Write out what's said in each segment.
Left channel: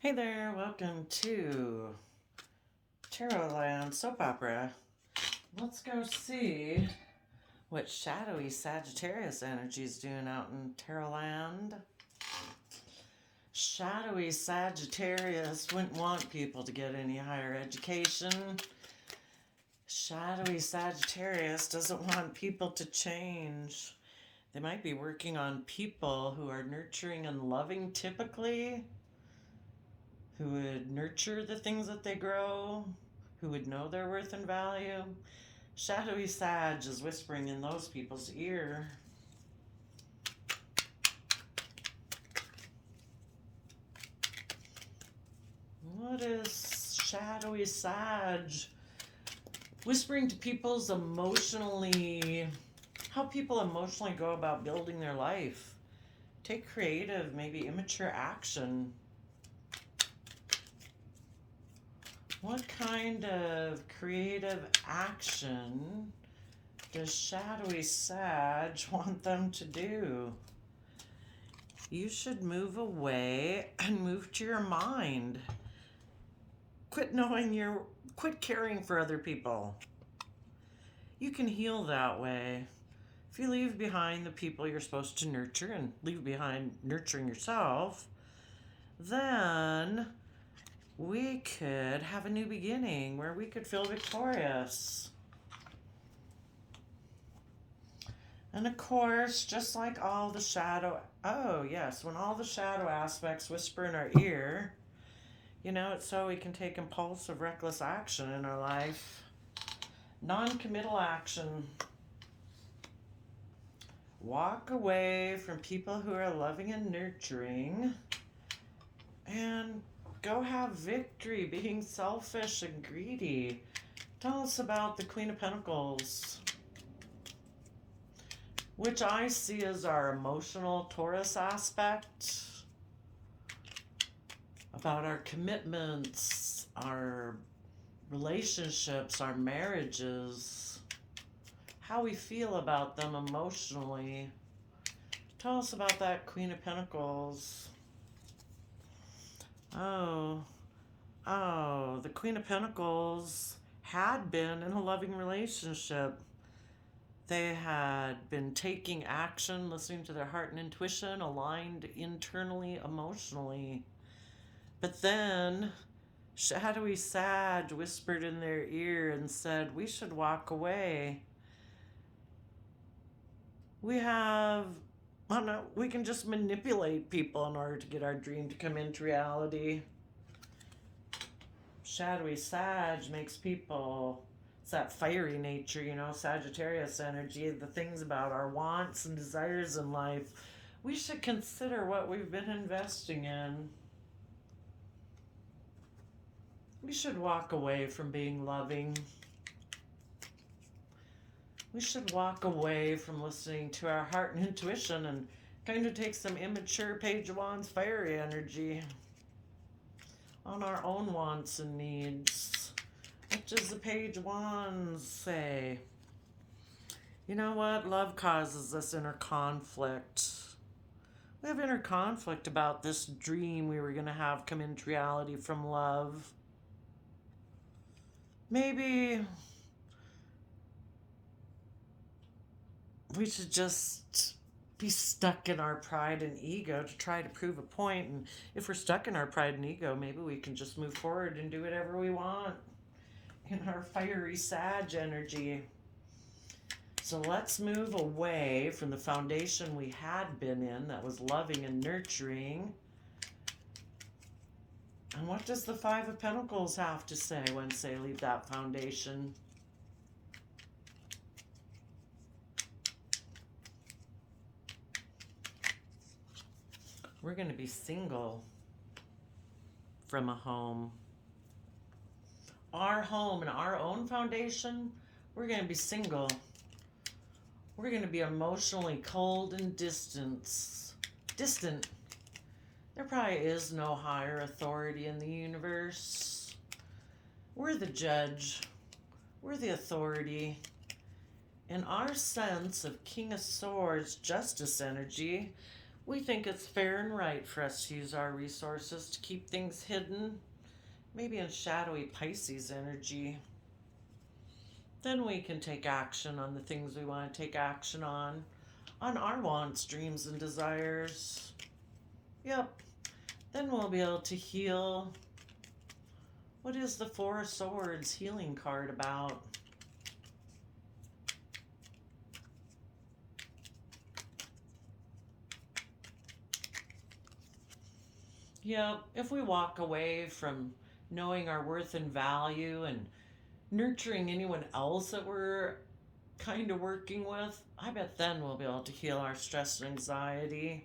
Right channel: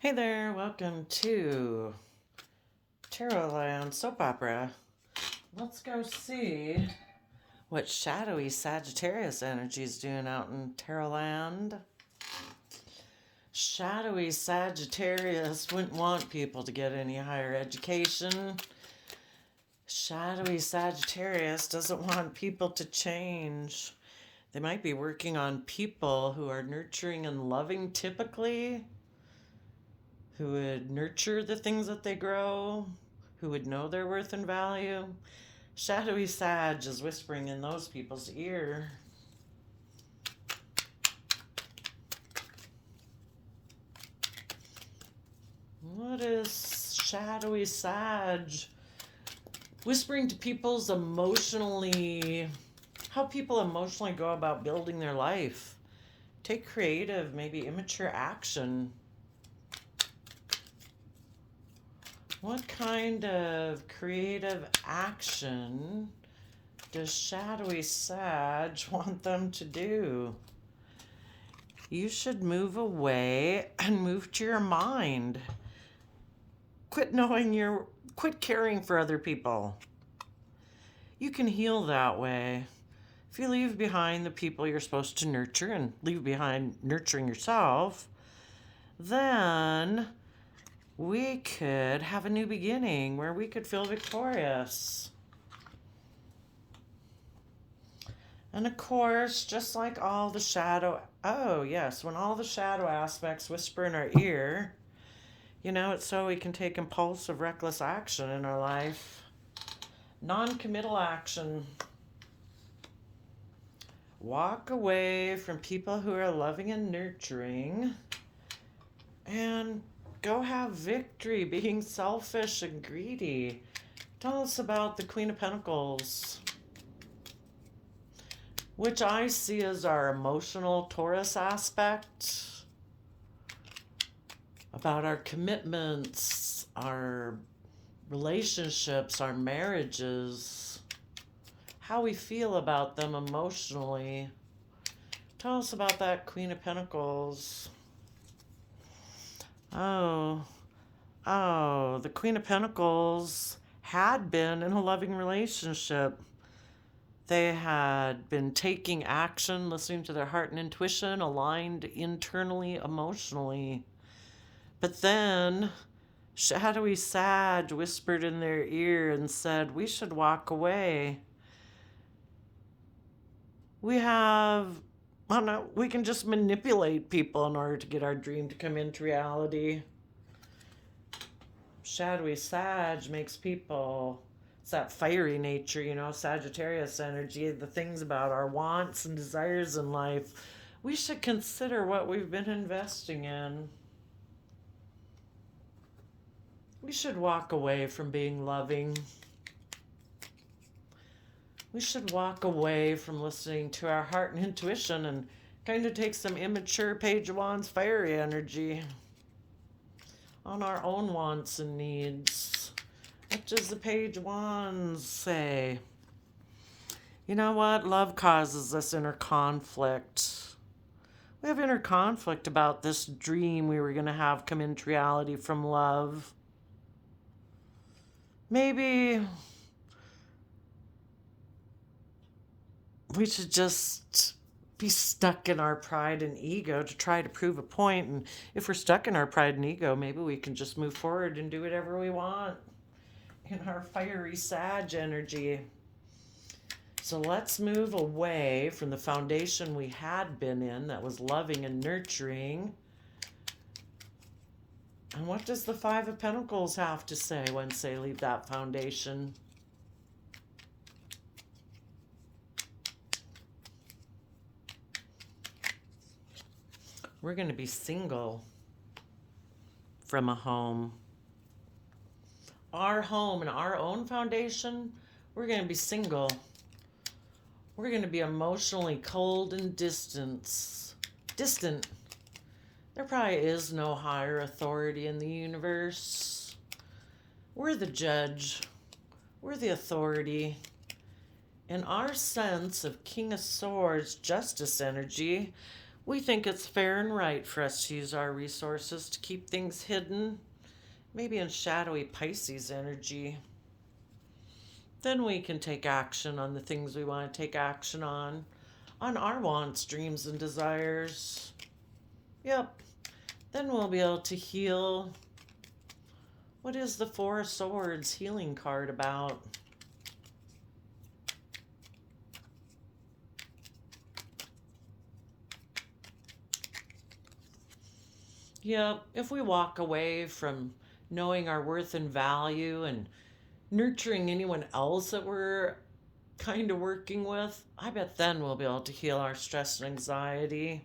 Hey there, welcome to Tarot Land Soap Opera. Let's go see what shadowy Sagittarius energy is doing out in Tarot Land. Shadowy Sagittarius wouldn't want people to get any higher education. Shadowy Sagittarius doesn't want people to change. They might be working on people who are nurturing and loving typically, who would nurture the things that they grow, who would know their worth and value. Shadowy Sag is whispering in those people's ear. What is Shadowy Sag whispering to people's how people emotionally go about building their life? Take creative, maybe immature action. What kind of creative action does Shadowy Sag want them to do? You should move away and move to your mind. Quit caring for other people. You can heal that way. If you leave behind the people you're supposed to nurture and leave behind nurturing yourself, then we could have a new beginning where we could feel victorious. And of course, just like all the when all the shadow aspects whisper in our ear, it's so we can take impulsive, reckless action in our life. Non-committal action. Walk away from people who are loving and nurturing and go have victory, being selfish and greedy. Tell us about the Queen of Pentacles, which I see as our emotional Taurus aspect, about our commitments, our relationships, our marriages, how we feel about them emotionally. Tell us about that Queen of Pentacles. The Queen of Pentacles had been in a loving relationship. They had been taking action, listening to their heart and intuition, aligned internally, emotionally. But then Shadowy Sag whispered in their ear and said, we should walk away. We can just manipulate people in order to get our dream to come into reality. Shadowy Sag makes people, it's that fiery nature, Sagittarius energy, the things about our wants and desires in life. We should consider what we've been investing in. We should walk away from being loving. We should walk away from listening to our heart and intuition and kind of take some immature Page of Wands fiery energy on our own wants and needs. What does the Page of Wands say? You know what? Love causes this inner conflict. We have inner conflict about this dream we were going to have come into reality from love. Maybe we should just be stuck in our pride and ego to try to prove a point. And if we're stuck in our pride and ego, maybe we can just move forward and do whatever we want in our fiery Sag energy. So let's move away from the foundation we had been in that was loving and nurturing. And what does the Five of Pentacles have to say once they leave that foundation? We're going to be single from a home. Our home and our own foundation, we're going to be single. We're going to be emotionally cold and distant. There probably is no higher authority in the universe. We're the judge. We're the authority. In our sense of King of Swords, justice energy, We think it's fair and right for us to use our resources to keep things hidden, maybe in shadowy Pisces energy. Then we can take action on the things we want to take action on our wants, dreams, and desires. Yep. Then we'll be able to heal. What is the Four of Swords healing card about? Yep. If we walk away from knowing our worth and value and nurturing anyone else that we're kind of working with, I bet then we'll be able to heal our stress and anxiety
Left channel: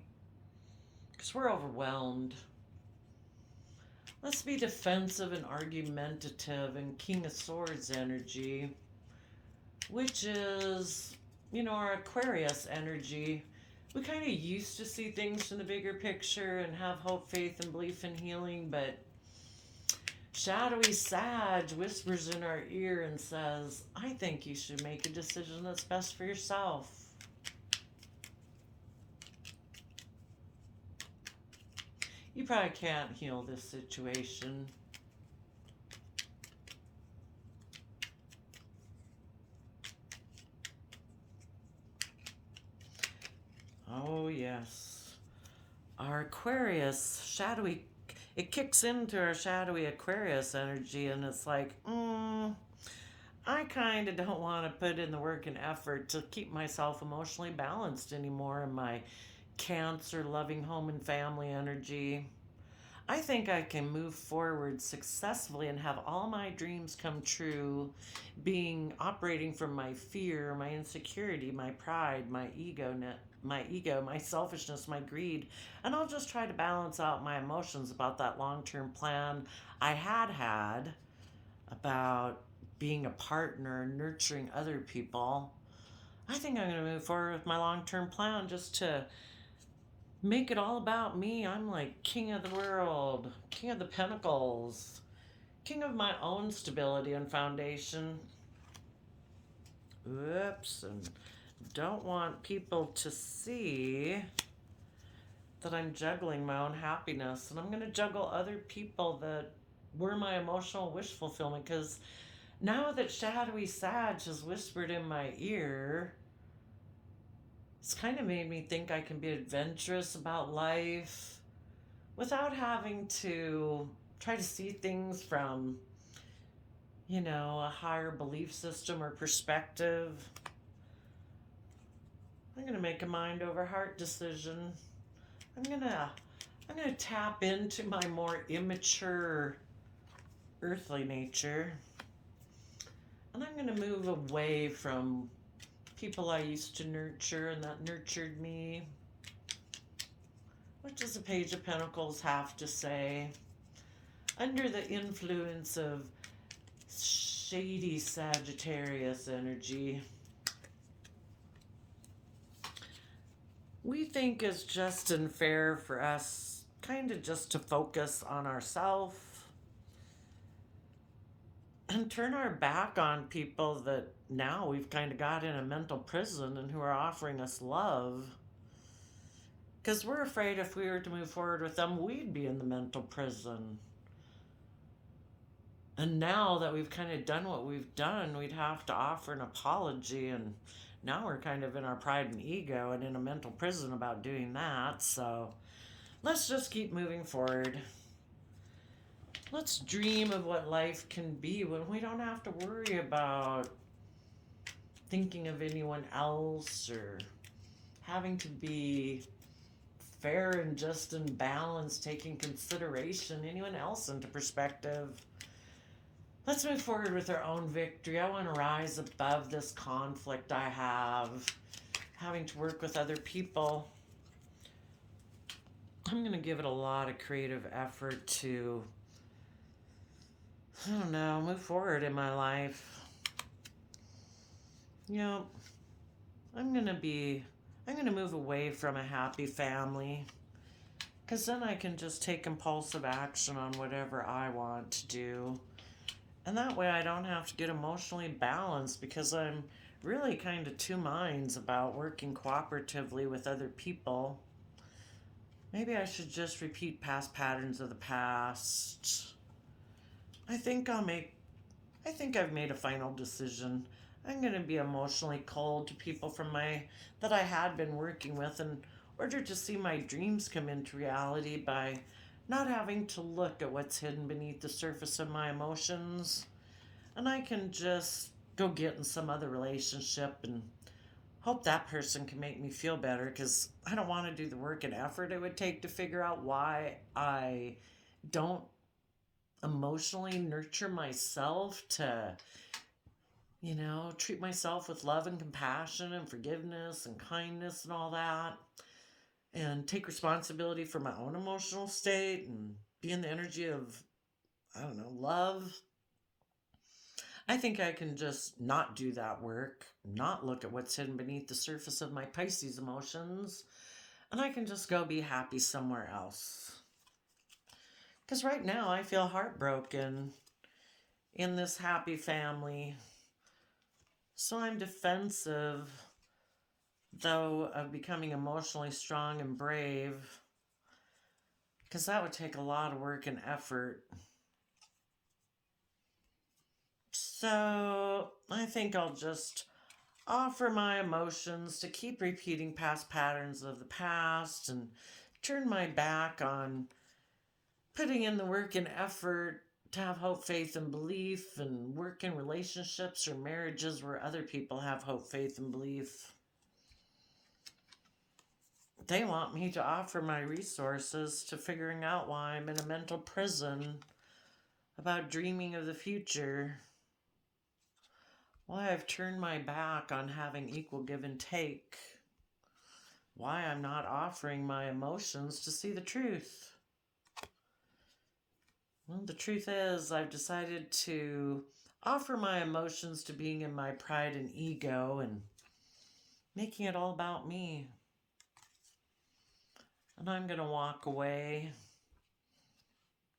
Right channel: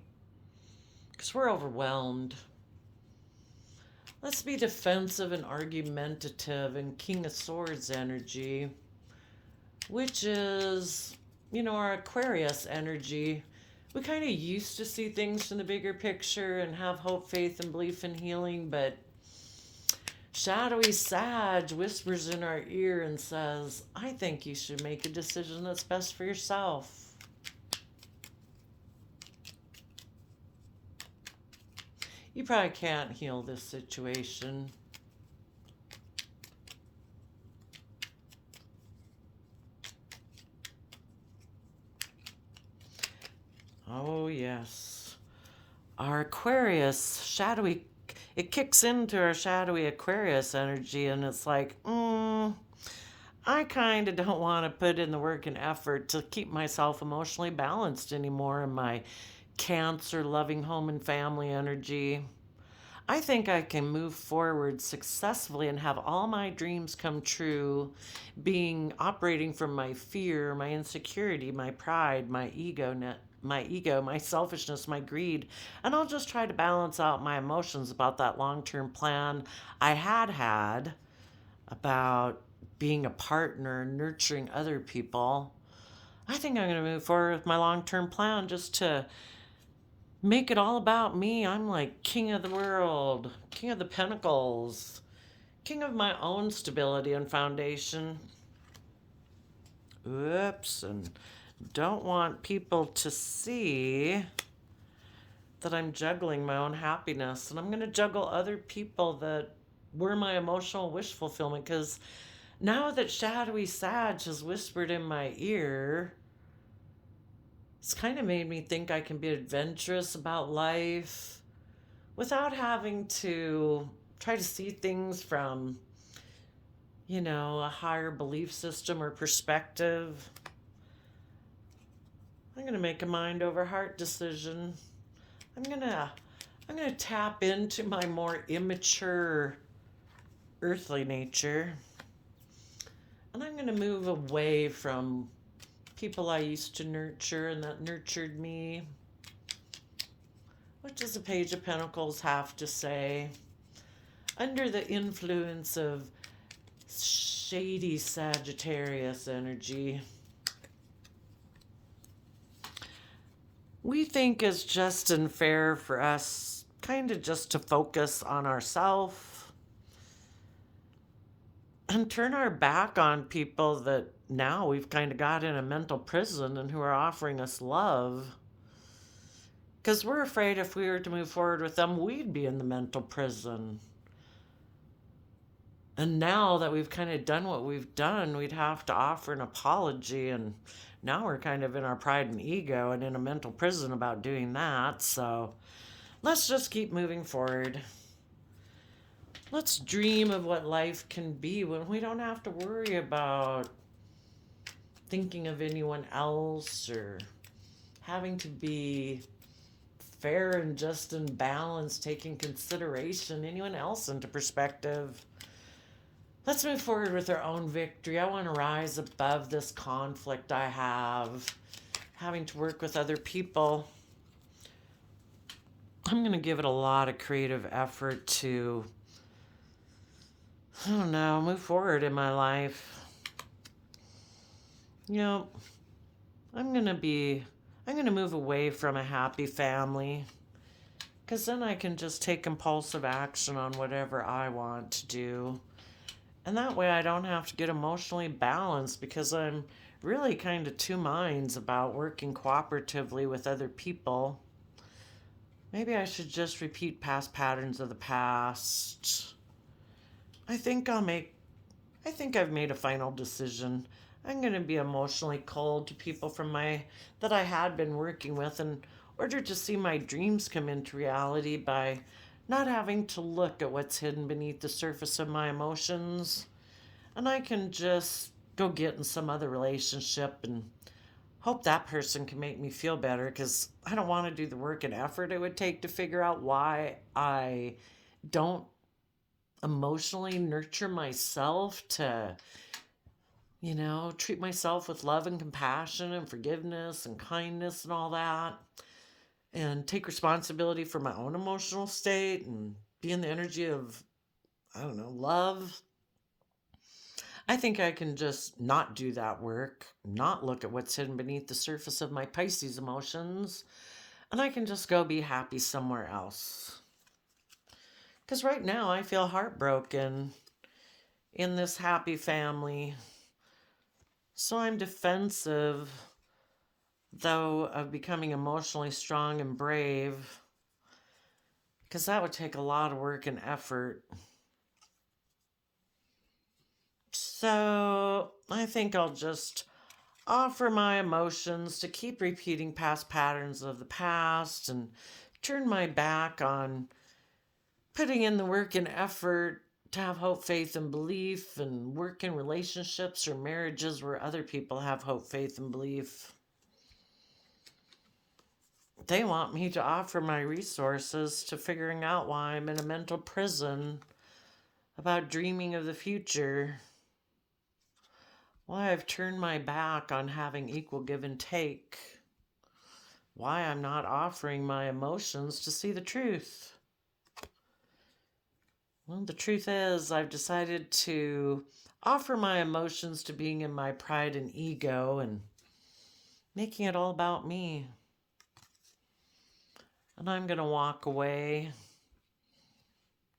because we're overwhelmed. Let's be defensive and argumentative in King of Swords energy, which is, our Aquarius energy. We kind of used to see things from the bigger picture and have hope, faith, and belief in healing, but shadowy Sag whispers in our ear and says, I think you should make a decision that's best for yourself. You probably can't heal this situation. Oh, yes. Our Aquarius, shadowy, it kicks into our shadowy Aquarius energy, and it's like, I kind of don't want to put in the work and effort to keep myself emotionally balanced anymore in my Cancer, loving home and family energy. I think I can move forward successfully and have all my dreams come true, operating from my fear, my insecurity, my pride, my ego, my selfishness, my greed, and I'll just try to balance out my emotions about that long-term plan I had about being a partner, nurturing other people. I think I'm going to move forward with my long-term plan just to make it all about me. I'm like king of the world, king of the pentacles, king of my own stability and foundation. Oops, and don't want people to see that I'm juggling my own happiness, and I'm going to juggle other people that were my emotional wish fulfillment, because now that shadowy Sag has whispered in my ear, it's kind of made me think I can be adventurous about life without having to try to see things from, a higher belief system or perspective. I'm going to make a mind over heart decision. I'm going to tap into my more immature earthly nature. And I'm going to move away from people I used to nurture and that nurtured me. What does the Page of Pentacles have to say? Under the influence of shady Sagittarius energy, we think it's just and fair for us kind of just to focus on ourselves and turn our back on people that now we've kind of got in a mental prison and who are offering us love. Because we're afraid if we were to move forward with them, we'd be in the mental prison. And now that we've kind of done what we've done, we'd have to offer an apology. And now we're kind of in our pride and ego and in a mental prison about doing that. So let's just keep moving forward. Let's dream of what life can be when we don't have to worry about thinking of anyone else or having to be fair and just and balanced, taking consideration anyone else into perspective. Let's move forward with our own victory. I want to rise above this conflict I have, having to work with other people. I'm going to give it a lot of creative effort to, move forward in my life. I'm going to move away from a happy family, because then I can just take impulsive action on whatever I want to do. And that way I don't have to get emotionally balanced, because I'm really kind of two minds about working cooperatively with other people. Maybe I should just repeat past patterns of the past. I think I've made a final decision. I'm going to be emotionally cold to people that I had been working with in order to see my dreams come into reality by not having to look at what's hidden beneath the surface of my emotions. And I can just go get in some other relationship and hope that person can make me feel better, because I don't want to do the work and effort it would take to figure out why I don't emotionally nurture myself to, treat myself with love and compassion and forgiveness and kindness and all that, and take responsibility for my own emotional state and be in the energy of, I don't know, love. I think I can just not do that work, not look at what's hidden beneath the surface of my Pisces emotions, and I can just go be happy somewhere else. Because right now I feel heartbroken in this happy family. So I'm defensive, though, of becoming emotionally strong and brave, because that would take a lot of work and effort. So I think I'll just offer my emotions to keep repeating past patterns of the past and turn my back on putting in the work and effort to have hope, faith, and belief, and work in relationships or marriages where other people have hope, faith, and belief. They want me to offer my resources to figuring out why I'm in a mental prison about dreaming of the future. Why I've turned my back on having equal give and take. Why I'm not offering my emotions to see the truth. Well, the truth is, I've decided to offer my emotions to being in my pride and ego and making it all about me. And I'm going to walk away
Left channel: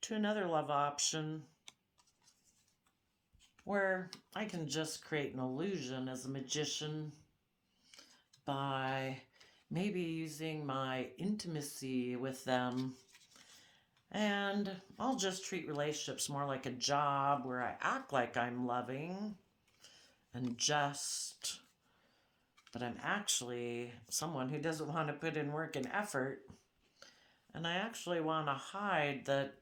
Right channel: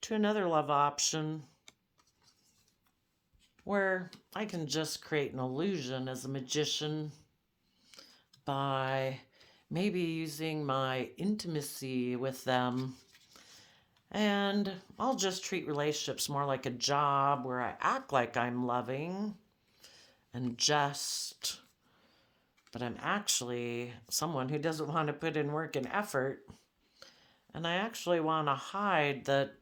to another love option where I can just create an illusion as a magician by maybe using my intimacy with them. And I'll just treat relationships more like a job where I act like I'm loving and just, but I'm actually someone who doesn't want to put in work and effort. And I actually want to hide that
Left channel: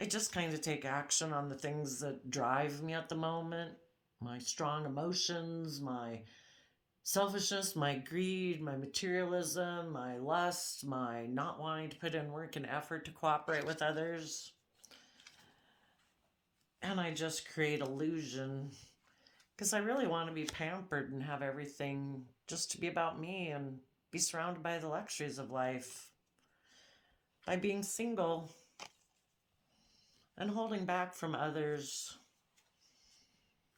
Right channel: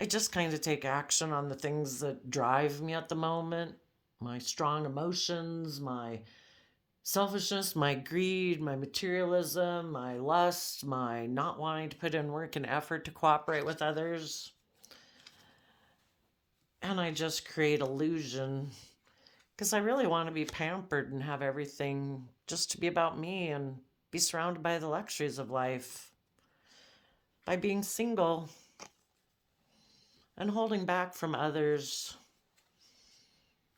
I just kind of take action on the things that drive me at the moment. My strong emotions, my selfishness, my greed, my materialism, my lust, my not wanting to put in work and effort to cooperate with others. And I just create illusion because I really want to be pampered and have everything just to be about me and be surrounded by the luxuries of life. By being single and holding back from others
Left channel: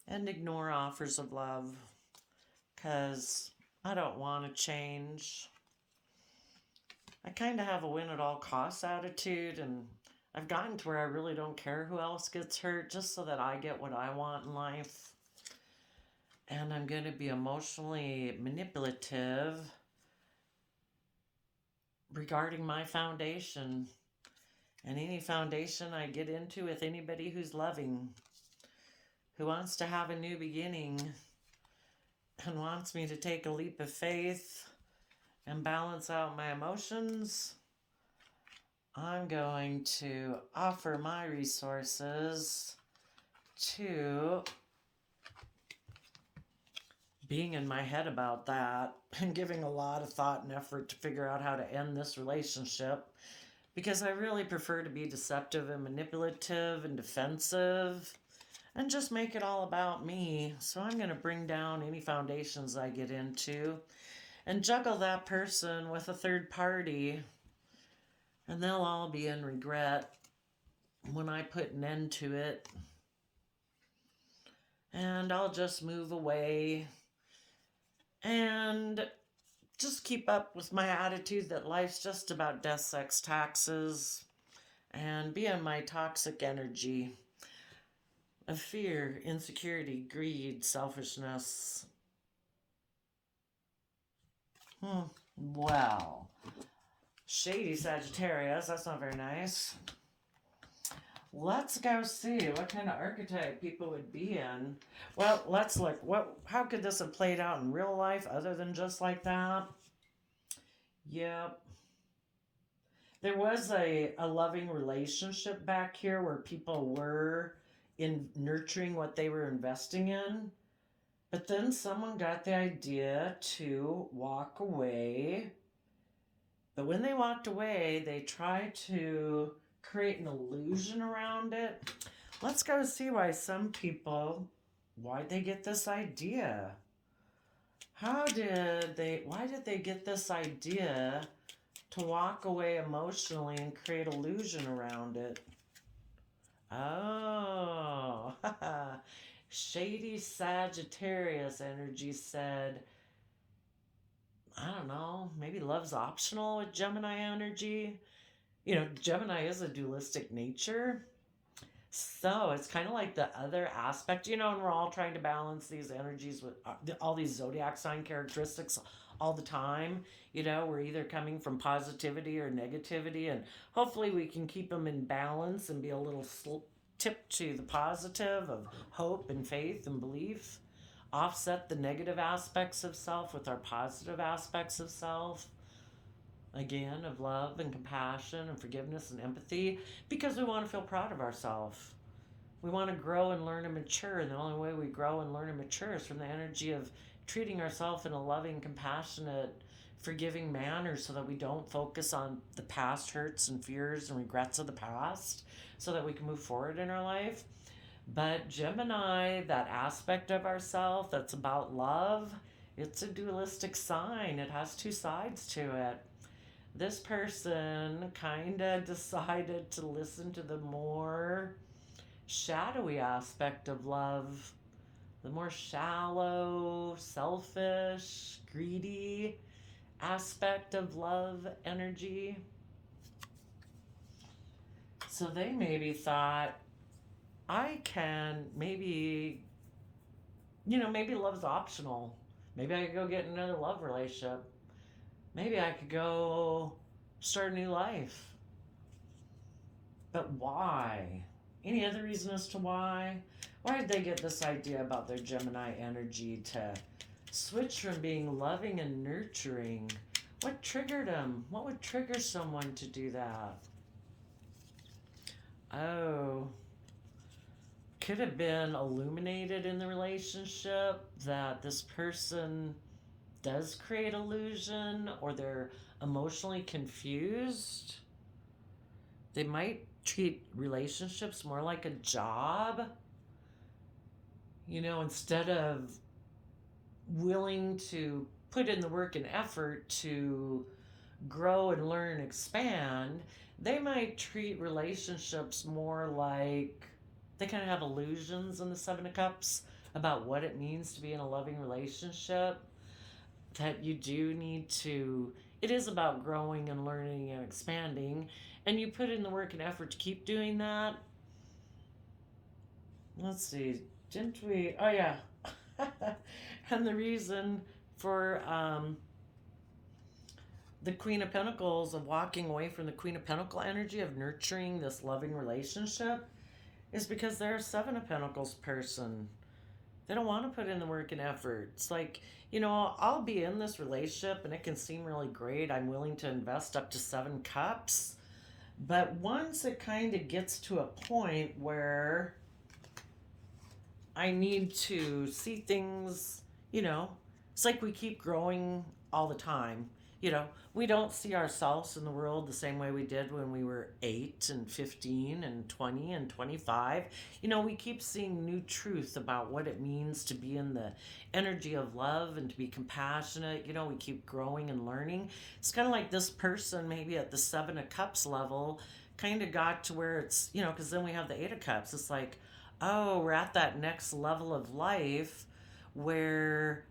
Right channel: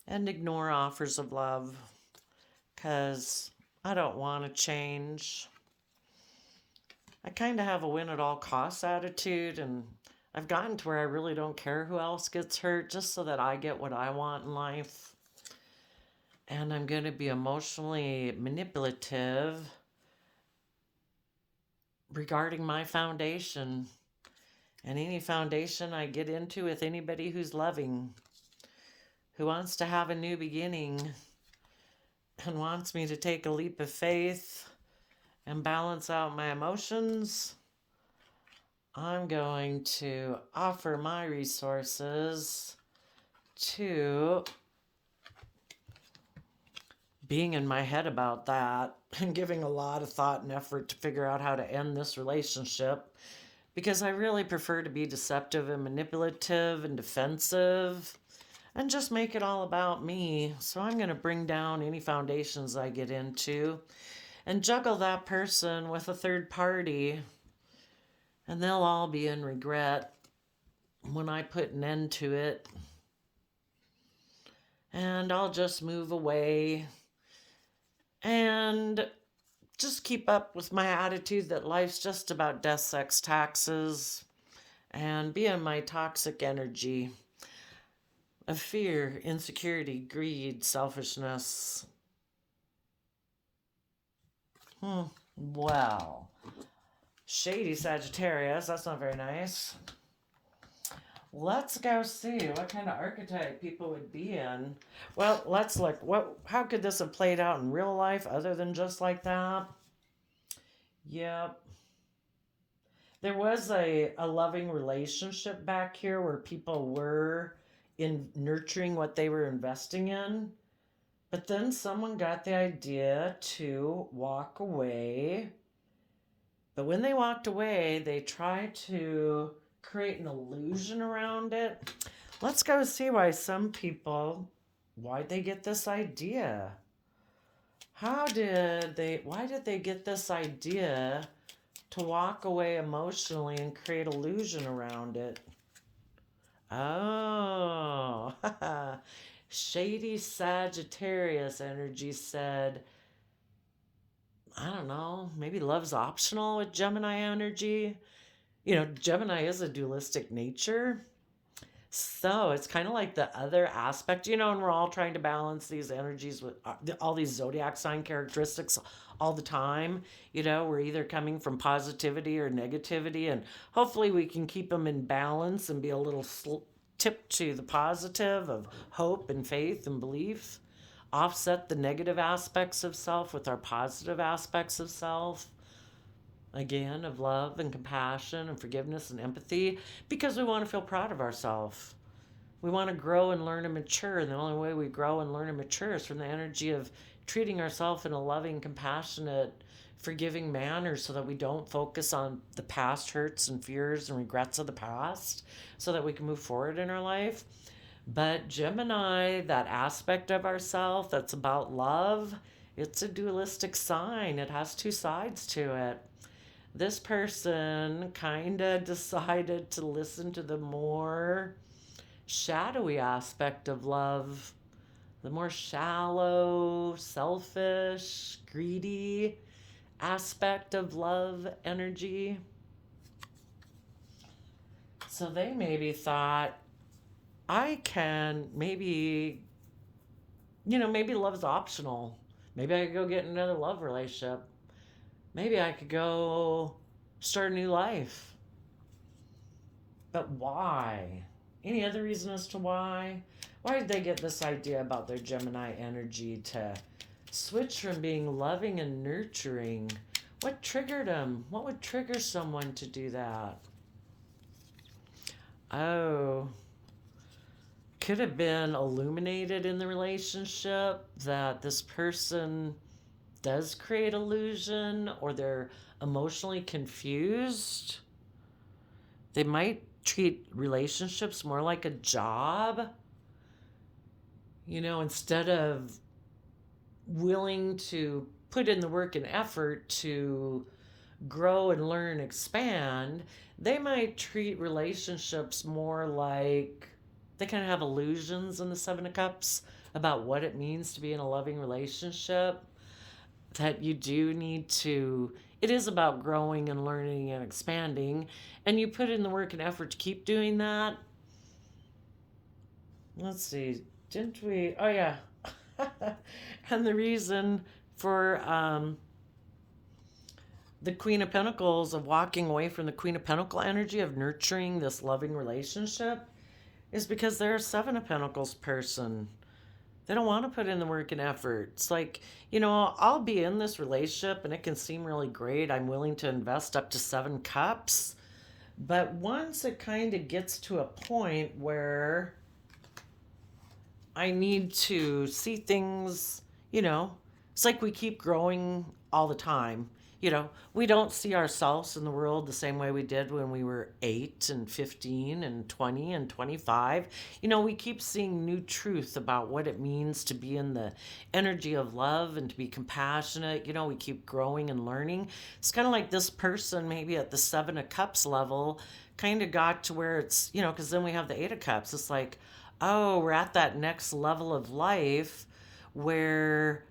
and ignore offers of love because I don't want to change. I kind of have a win at all costs attitude, and I've gotten to where I really don't care who else gets hurt just so that I get what I want in life. And I'm going to be emotionally manipulative regarding my foundation and any foundation I get into with anybody who's loving, who wants to have a new beginning and wants me to take a leap of faith and balance out my emotions. I'm going to offer my resources to being in my head about that and giving a lot of thought and effort to figure out how to end this relationship, because I really prefer to be deceptive and manipulative and defensive and just make it all about me. So I'm going to bring down any foundations I get into and juggle that person with a third party, and they'll all be in regret when I put an end to it. And I'll just move away and just keep up with my attitude that life's just about death, sex, taxes, and be in my toxic energy of fear, insecurity, greed, selfishness. Wow. Shady Sagittarius. That's not very nice. Let's go see what kind of archetype people would be in. Well, let's look. How could this have played out in real life other than just like that? Yep. There was a loving relationship back here where people were in nurturing what they were investing in. But then someone got the idea to walk away. But when they walked away, they tried to create an illusion around it. Let's go see why'd they get this idea? Why did they get this idea to walk away emotionally and create illusion around it? Oh, shady Sagittarius energy said, I don't know, maybe love's optional with Gemini energy. Gemini is a dualistic nature. So it's kind of like the other aspect, and we're all trying to balance these energies with all these zodiac sign characteristics all the time. We're either coming from positivity or negativity, and hopefully we can keep them in balance and be a little tip to the positive of hope and faith and belief, offset the negative aspects of self with our positive aspects of self, again, of love and compassion and forgiveness and empathy, because we want to feel proud of ourselves. We want to grow and learn and mature, and the only way we grow and learn and mature is from the energy of treating ourselves in a loving, compassionate, forgiving manner, so that we don't focus on the past hurts and fears and regrets of the past, so that we can move forward in our life. But Gemini, that aspect of ourself that's about love, it's a dualistic sign. It has two sides to it. This person kind of decided to listen to the more shadowy aspect of love, the more shallow, selfish, greedy aspect of love energy. So they maybe thought, I can maybe love's optional. Maybe I could go get another love relationship. Maybe I could go start a new life. But why? Any other reason as to why? Why did they get this idea about their Gemini energy to switch from being loving and nurturing? What triggered them? What would trigger someone to do that? Oh, could have been illuminated in the relationship that this person does create illusion, or they're emotionally confused. They might treat relationships more like a job, instead of willing to put in the work and effort to grow and learn and expand. They might treat relationships more like they kind of have illusions in the Seven of Cups about what it means to be in a loving relationship. That you do need to, it is about growing and learning and expanding, and you put in the work and effort to keep doing that. Let's see, didn't we? Oh, yeah. And the reason for the Queen of Pentacles, of walking away from the Queen of Pentacle energy of nurturing this loving relationship, is because they're a Seven of Pentacles person. They don't want to put in the work and effort. It's like, I'll be in this relationship and it can seem really great. I'm willing to invest up to 7 cups. But once it kind of gets to a point where I need to see things, it's like we keep growing all the time. We don't see ourselves in the world the same way we did when we were 8 and 15 and 20 and 25. We keep seeing new truth about what it means to be in the energy of love and to be compassionate. We keep growing and learning. It's kind of like this person, maybe at the 7 of Cups level, kind of got to where it's, because then we have the 8 of Cups. It's like, oh, we're at that next level of life where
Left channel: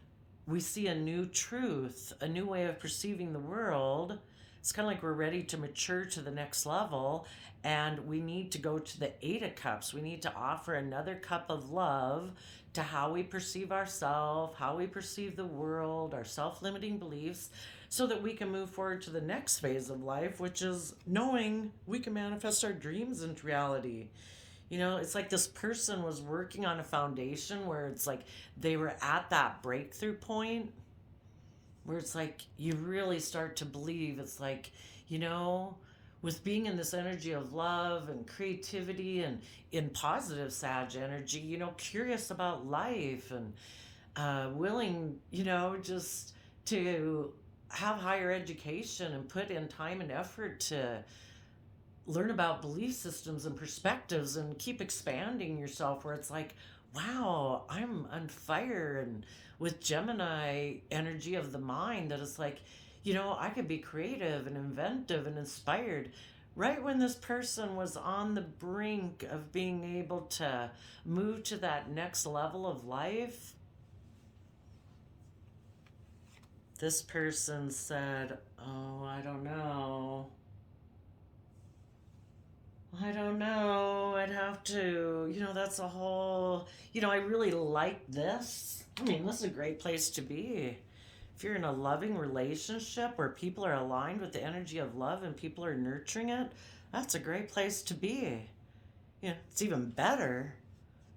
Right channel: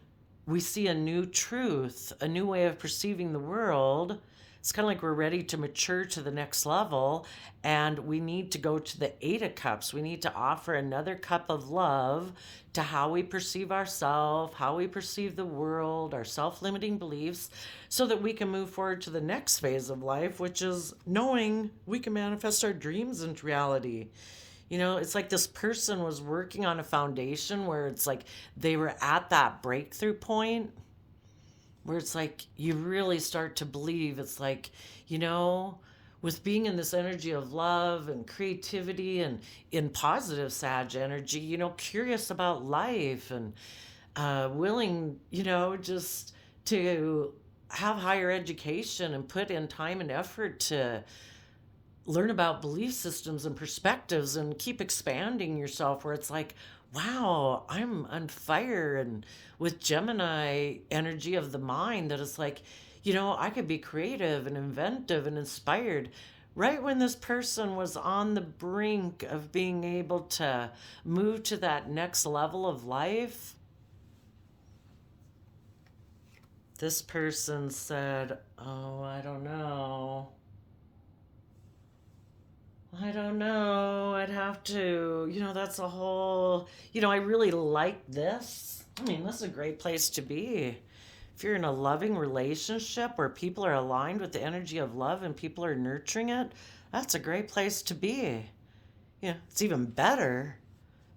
we see a new truth, a new way of perceiving the world. It's kind of like we're ready to mature to the next level, and we need to go to the 8 of Cups. We need to offer another cup of love to how we perceive ourselves, how we perceive the world, our self-limiting beliefs, so that we can move forward to the next phase of life, which is knowing we can manifest our dreams into reality. You know, it's like this person was working on a foundation where it's like they were at that breakthrough point where it's like you really start to believe it's like, you know, with being in this energy of love and creativity and in positive Sag energy, you know, curious about life and willing, you know, just to have higher education and put in time and effort to learn about belief systems and perspectives and keep expanding yourself, where it's like, wow, I'm on fire. And with Gemini energy of the mind, that it's like, you know, I could be creative and inventive and inspired. Right when this person was on the brink of being able to move to that next level of life, this person said, oh, I don't know. I don't know. I'd have to, you know, that's a whole, you know, I really like this. I mean, this is a great place to be. If you're in a loving relationship where people are aligned with the energy of love and people are nurturing it, that's a great place to be. Yeah, it's even better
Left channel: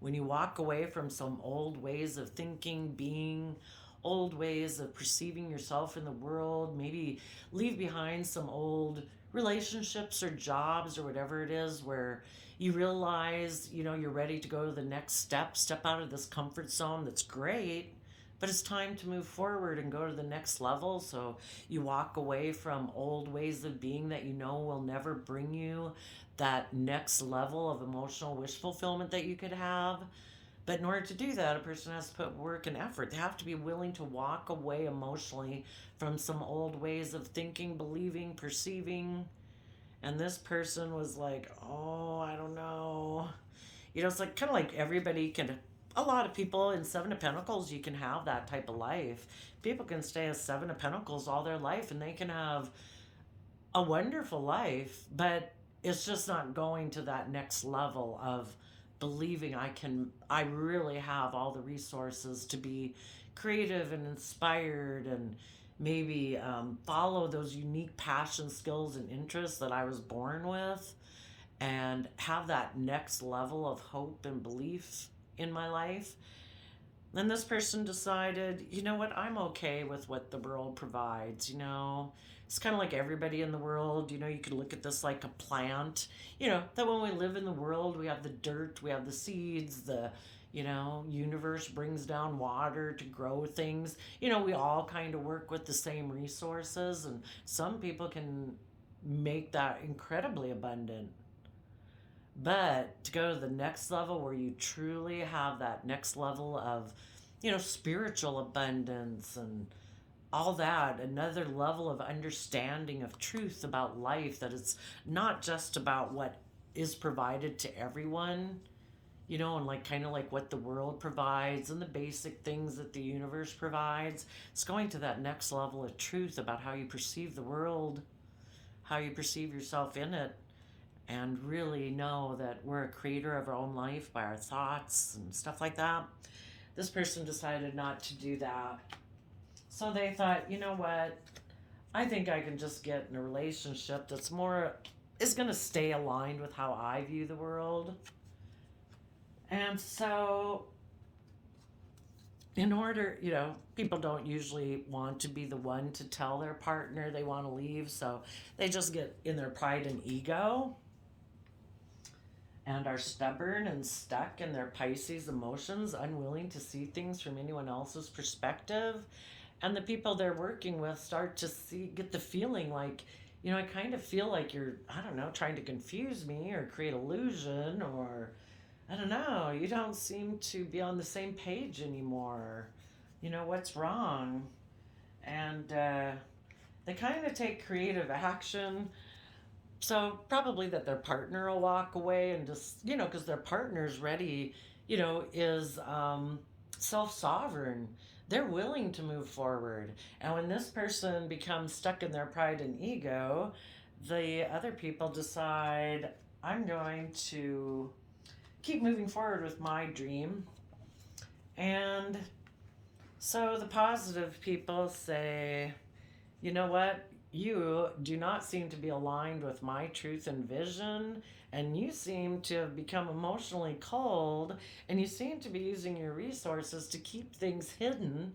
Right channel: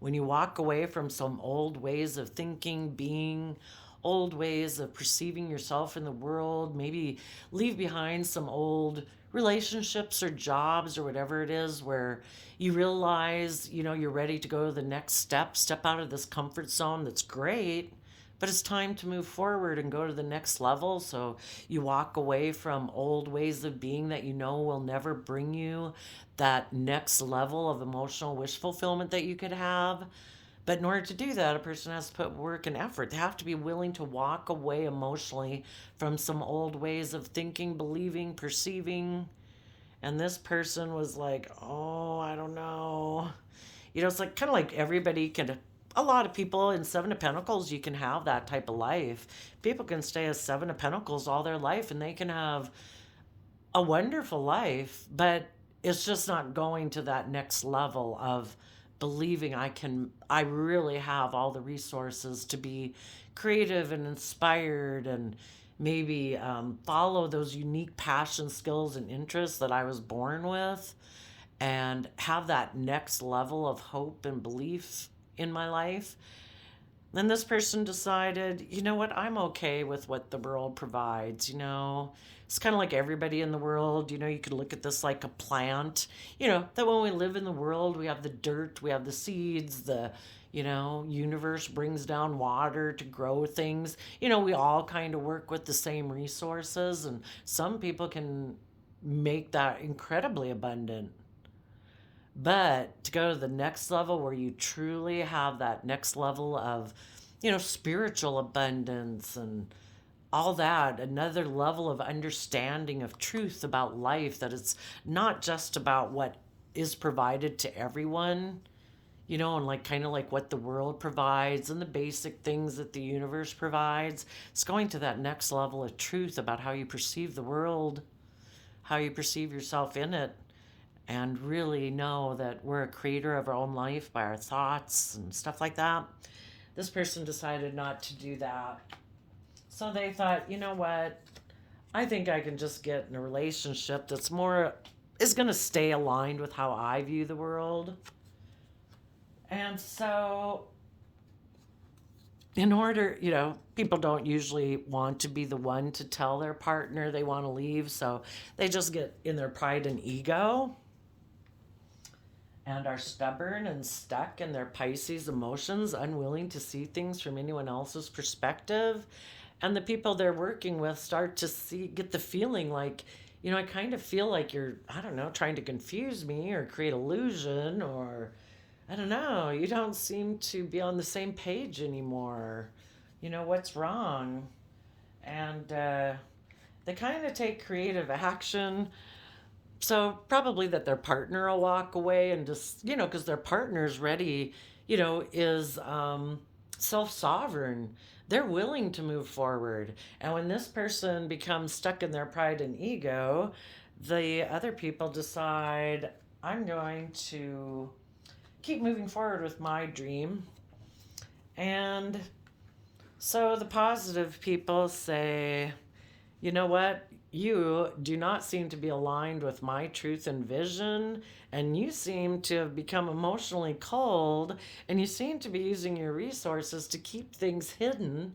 when you walk away from some old ways of thinking, being, old ways of perceiving yourself in the world, maybe leave behind some old relationships or jobs or whatever it is where you realize, you know, you're ready to go to the next step out of this comfort zone. That's great, but it's time to move forward and go to the next level. So you walk away from old ways of being that you know will never bring you that next level of emotional wish fulfillment that you could have. But in order to do that, a person has to put work and effort. They have to be willing to walk away emotionally from some old ways of thinking, believing, perceiving. And this person was like, oh, I don't know. You know, it's like kind of like everybody can, a lot of people in Seven of Pentacles, you can have that type of life. People can stay as Seven of Pentacles all their life and they can have a wonderful life, but it's just not going to that next level of believing I really have all the resources to be creative and inspired and maybe follow those unique passion, skills, and interests that I was born with and have that next level of hope and belief in my life. Then this person decided, you know what, I'm okay with what the world provides, you know. It's kind of like everybody in the world, you know, you could look at this like a plant, you know, that when we live in the world, we have the dirt, we have the seeds, the, you know, universe brings down water to grow things. You know, we all kind of work with the same resources, and some people can make that incredibly abundant. But to go to the next level where you truly have that next level of, you know, spiritual abundance and all that, another level of understanding of truth about life, that it's not just about what is provided to everyone, you know, and like kind of like what the world provides and the basic things that the universe provides. It's going to that next level of truth about how you perceive the world, how you perceive yourself in it, and really know that we're a creator of our own life by our thoughts and stuff like that. This person decided not to do that. So they thought, you know what? I think I can just get in a relationship that's more, is going to stay aligned with how I view the world. And so, in order, you know, people don't usually want to be the one to tell their partner they want to leave. So they just get in their pride and ego and are stubborn and stuck in their Pisces emotions, unwilling to see things from anyone else's perspective. And the people they're working with start to get the feeling like, you know, I kind of feel like you're, I don't know, trying to confuse me or create illusion, or I don't know, you don't seem to be on the same page anymore. You know, what's wrong? And they kind of take creative action. So probably that their partner will walk away and just, you know, because their partner's ready, you know, is self-sovereign. They're willing to move forward. And when this person becomes stuck in their pride and ego, the other people decide, I'm going to keep moving forward with my dream And so the positive people say, you know what? You do not seem to be aligned with my truth and vision, and you seem to have become emotionally cold, and you seem to be using your resources to keep things hidden,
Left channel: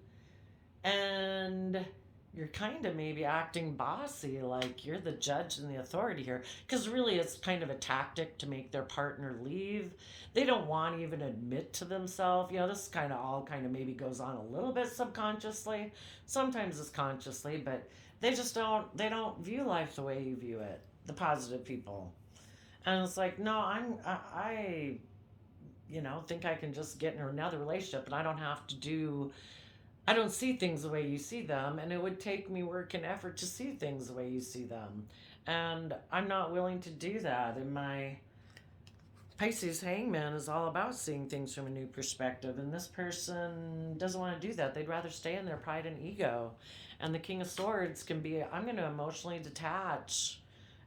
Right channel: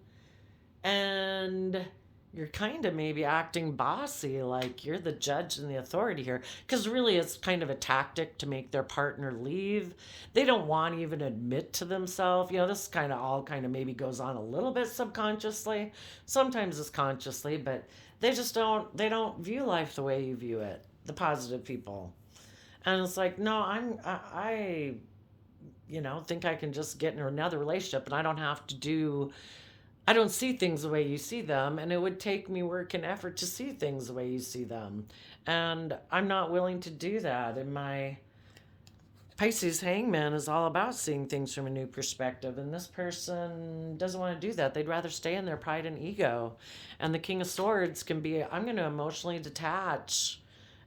and you're kind of maybe acting bossy, like you're the judge and the authority here, because really it's kind of a tactic to make their partner leave. They don't want to even admit to themselves, this kind of all kind of maybe goes on a little bit subconsciously, sometimes it's consciously, but they don't view life the way you view it, the positive people. And it's like, no, I think I can just get in another relationship and I don't see things the way you see them, and it would take me work and effort to see things the way you see them. And I'm not willing to do that. And my Pisces hangman is all about seeing things from a new perspective, and this person doesn't want to do that. They'd rather stay in their pride and ego. And the King of Swords can be, I'm going to emotionally detach.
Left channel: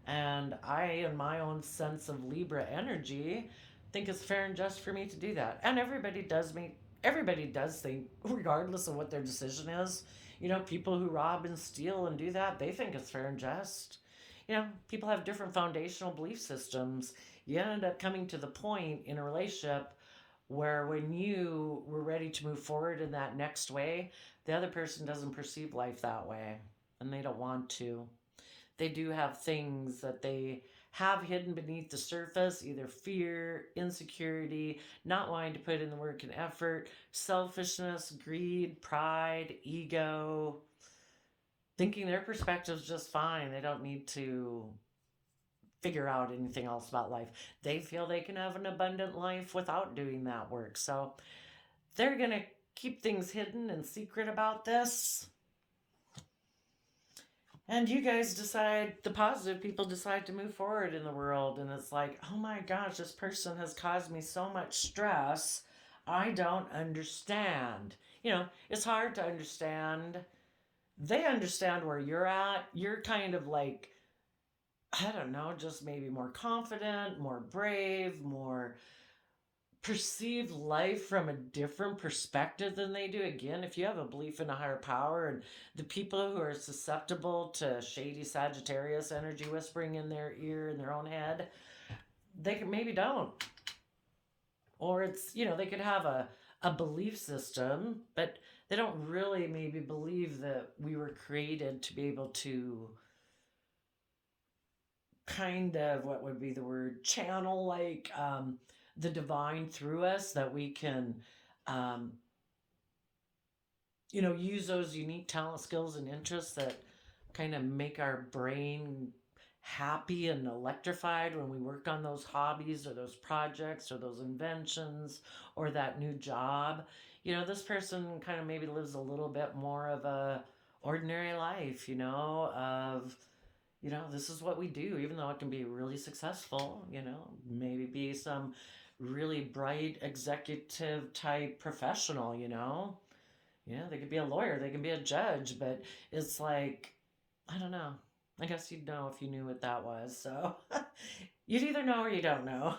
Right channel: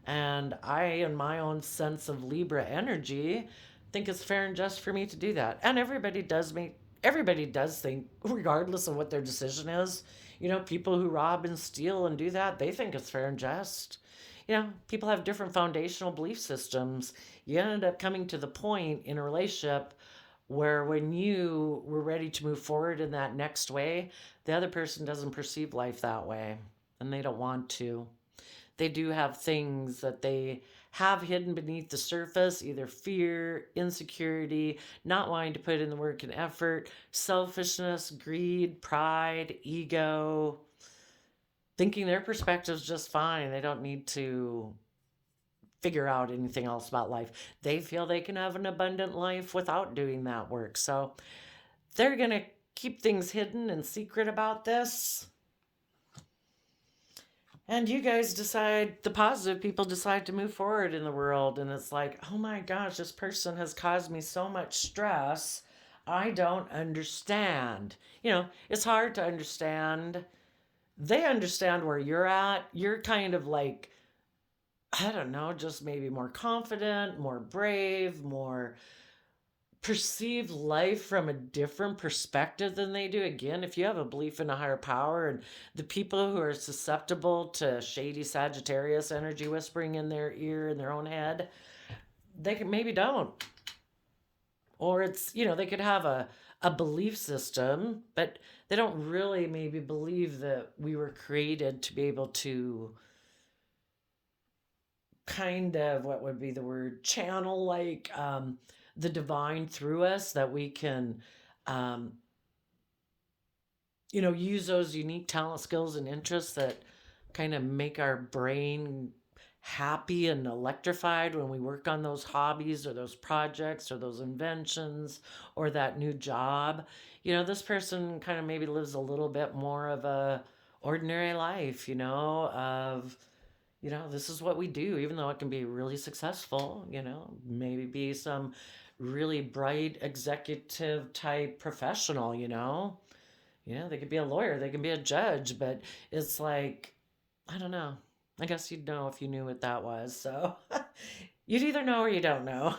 And I, in my own sense of Libra energy, think it's fair and just for me to do that. And everybody does think, regardless of what their decision is, people who rob and steal and do that, they think it's fair and just. People have different foundational belief systems. You end up coming to the point in a relationship where when you were ready to move forward in that next way, the other person doesn't perceive life that way, and they don't want to. They do have things that they have hidden beneath the surface, either fear, insecurity, not wanting to put in the work and effort, selfishness, greed, pride, ego, thinking their perspective's just fine. They don't need to figure out anything else about life. They feel they can have an abundant life without doing that work. So they're going to keep things hidden and secret about this. And you guys decide, the positive people decide to move forward in the world. And it's like, oh my gosh, this person has caused me so much stress. I don't understand. It's hard to understand. They understand where you're at. You're kind of like, I don't know, just maybe more confident, more brave, more perceive life from a different perspective than they do. Again, if you have a belief in a higher power, and the people who are susceptible to shady Sagittarius energy whispering in their ear in their own head, they can maybe don't. Or it's, they could have a belief system, but they don't really maybe believe that we were created to be able to kind of, what would be the word, channel like the divine through us, that we can um, use those unique talent, skills, and interests that kind of make our brain happy and electrified when we work on those hobbies or those projects or those inventions or that new job. This person kind of maybe lives a little bit more of a ordinary life, of this is what we do, even though it can be really successful, maybe be some really bright executive type professional, they could be a lawyer, they can be a judge, but it's like, I don't know. I guess you'd know if you knew what that was. So you'd either know or you don't know.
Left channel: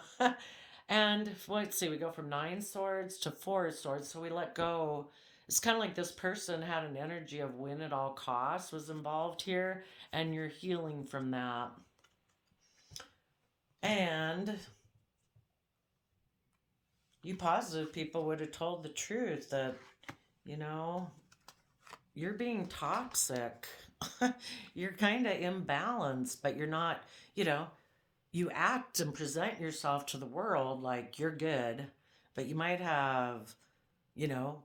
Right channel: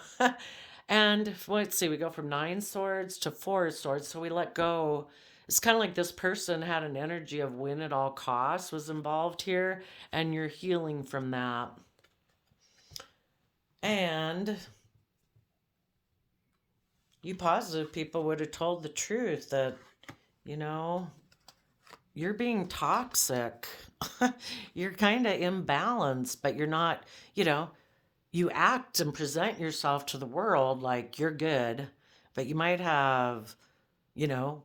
And let's see, we go from 9 swords to 4 swords. So we let go. It's kind of like this person had an energy of win at all costs was involved here, and you're healing from that. And you positive people would have told the truth that, you're being toxic. You're kind of imbalanced, but you're not, you act and present yourself to the world like you're good, but you might have,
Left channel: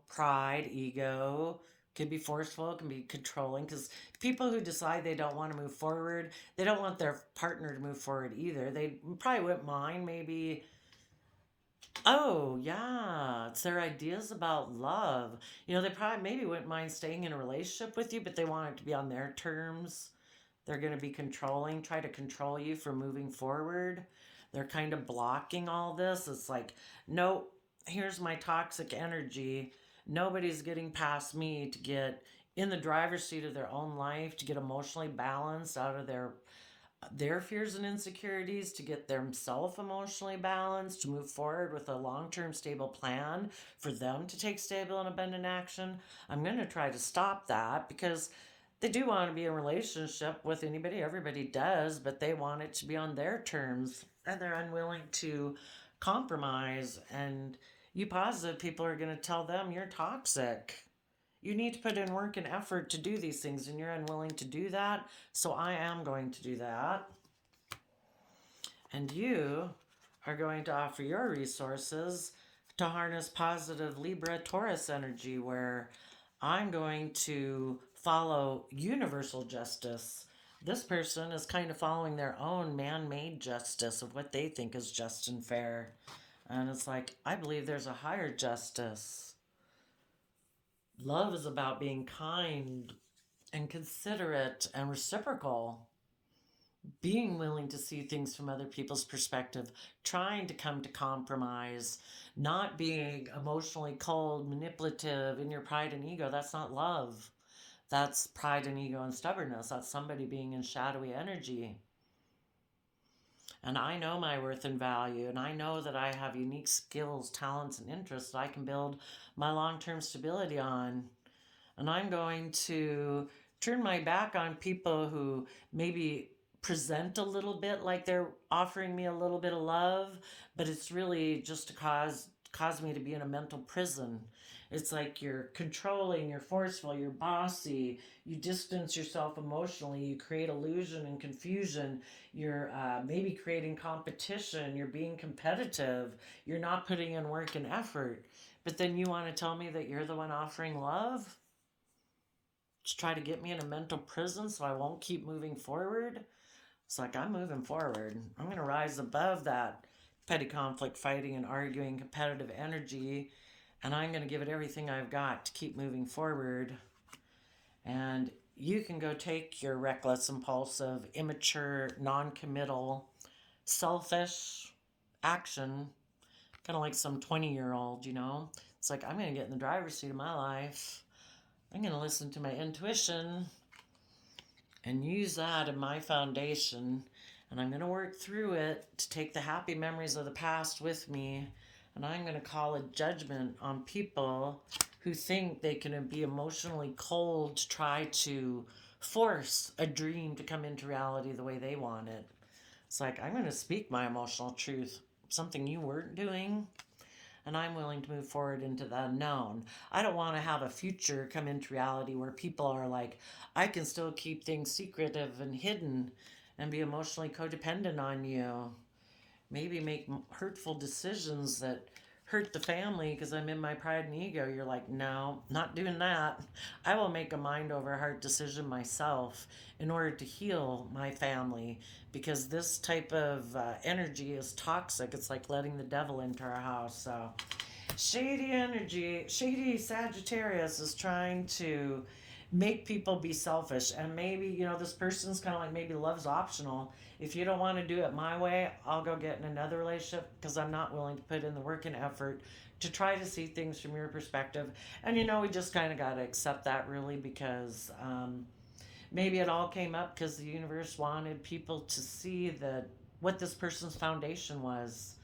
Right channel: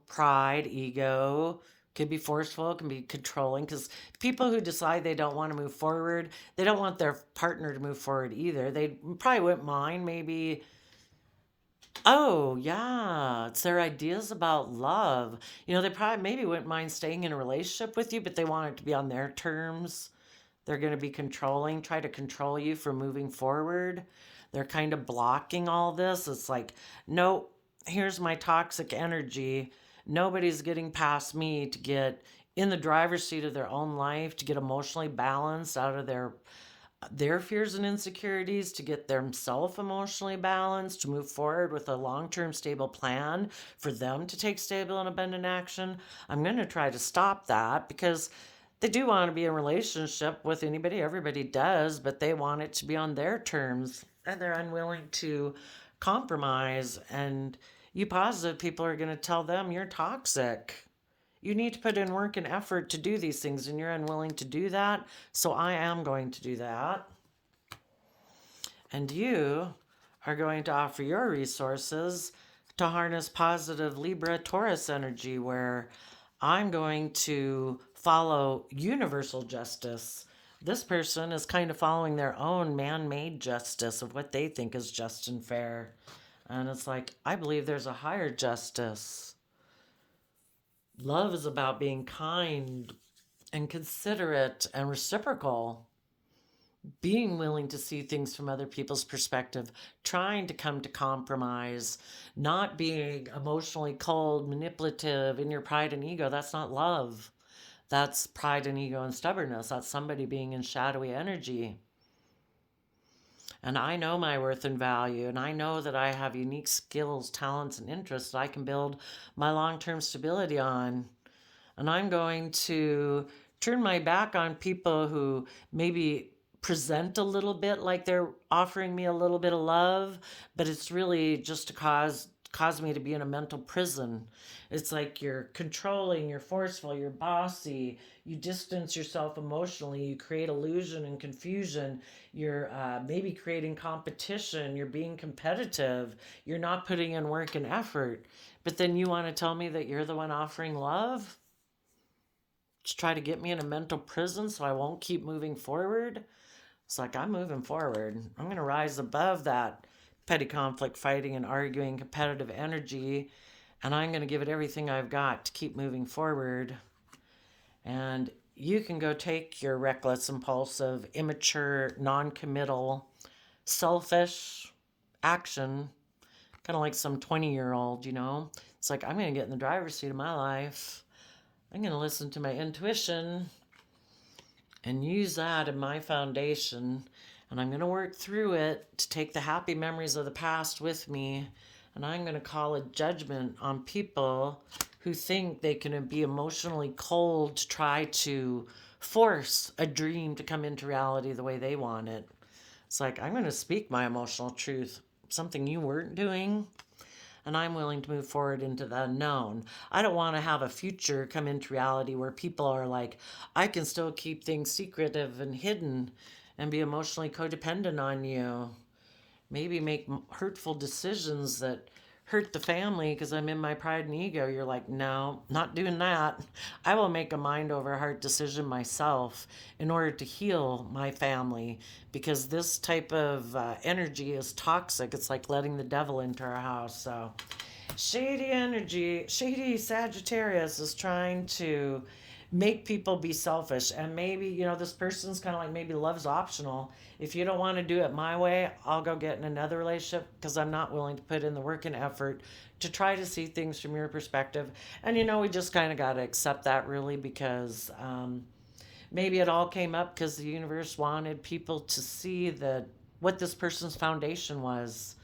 pride, ego, could be forceful, can be controlling, because people who decide they don't want to move forward, they don't want their partner to move forward either. They probably wouldn't mind maybe, oh yeah, it's their ideas about love. They probably maybe wouldn't mind staying in a relationship with you, but they want it to be on their terms. They're going to be controlling, try to control you from moving forward. They're kind of blocking all this. It's like, no, here's my toxic energy. Nobody's getting past me to get in the driver's seat of their own life, to get emotionally balanced out of their their fears and insecurities to get themselves emotionally balanced, to move forward with a long-term stable plan for them to take stable and abundant action. I'm going to try to stop that because they do want to be in a relationship with anybody. Everybody does, but they want it to be on their terms and they're unwilling to compromise. And you positive people are going to tell them you're toxic. You need to put in work and effort to do these things, and you're unwilling to do that. So I am going to do that. And you are going to offer your resources to harness positive Libra Taurus energy, where I'm going to follow universal justice. This person is kind of following their own man made justice of what they think is just and fair. And it's like, I believe there's a higher justice. Love is about being kind and considerate and reciprocal, being willing to see things from other people's perspective, trying to come to compromise, not being emotionally cold, manipulative in your pride and ego. That's not love. That's pride and ego and stubbornness. That's somebody being in shadowy energy. And I know my worth and value, and I know that I have unique skills, talents, and interests that I can build my long term stability on. And I'm going to turn my back on people who maybe present a little bit like they're offering me a little bit of love, but it's really just to cause me to be in a mental prison. It's like you're controlling, you're forceful, you're bossy, you distance yourself emotionally, you create illusion and confusion, you're maybe creating competition, you're being competitive, you're not putting in work and effort. But then you want to tell me that you're the one offering love? To try to get me in a mental prison so I won't keep moving forward? It's like, I'm moving forward. I'm going to rise above that petty conflict, fighting, and arguing, competitive energy, and I'm going to give it everything I've got to keep moving forward. And you can go take your reckless, impulsive, immature, non committal, selfish action, kind of like some 20-year-old, you know? It's like, I'm going to get in the driver's seat of my life. I'm going to listen to my intuition and use that in my foundation. And I'm going to work through it to take the happy memories of the past with me. And I'm going to call a judgment on people who think they can be emotionally cold to try to force a dream to come into reality the way they want it. It's like, I'm going to speak my emotional truth, something you weren't doing, and I'm willing to move forward into the unknown. I don't want to have a future come into reality where people are like, I can still keep things secretive and hidden and be emotionally codependent on you. Maybe make hurtful decisions that hurt the family because I'm in my pride and ego. You're like, no, not doing that. I will make a mind over heart decision myself in order to heal my family, because this type of energy is toxic. It's like letting the devil into our house. So shady energy, shady Sagittarius is trying to make people be selfish. And maybe, you know, this person's kind of like, maybe love's optional. If you don't want to do it my way, I'll go get in another relationship because I'm not willing to put in the work and effort to try to see things from your perspective. And, you know, we just kind of got to accept that, really, because maybe it all came up because the universe wanted people to see that what this person's foundation was,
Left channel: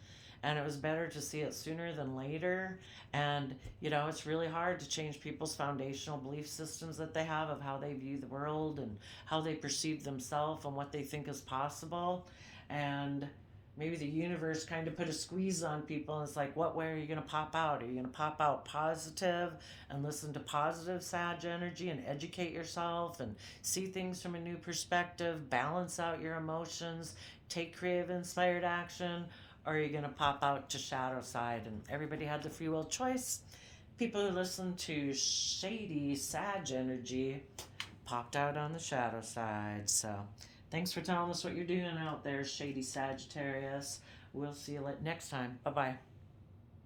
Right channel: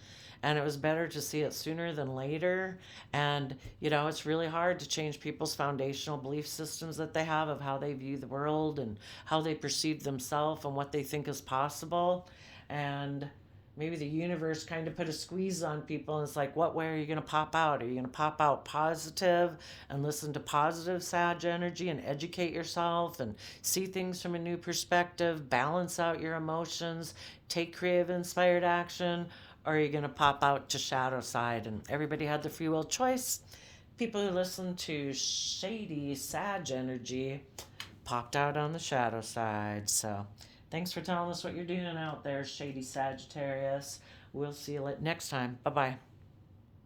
and it was better to see it sooner than later. And you know, it's really hard to change people's foundational belief systems that they have of how they view the world and how they perceive themselves and what they think is possible. And maybe the universe kind of put a squeeze on people, and it's like, what way are you going to pop out? Are you going to pop out positive and listen to positive Sag energy and educate yourself and see things from a new perspective, balance out your emotions, take creative inspired action? Or are you going to pop out to shadow side? And everybody had the free will choice. People who listen to shady Sag energy popped out on the shadow side. So thanks for telling us what you're doing out there, shady Sagittarius. We'll see you next time. Bye bye.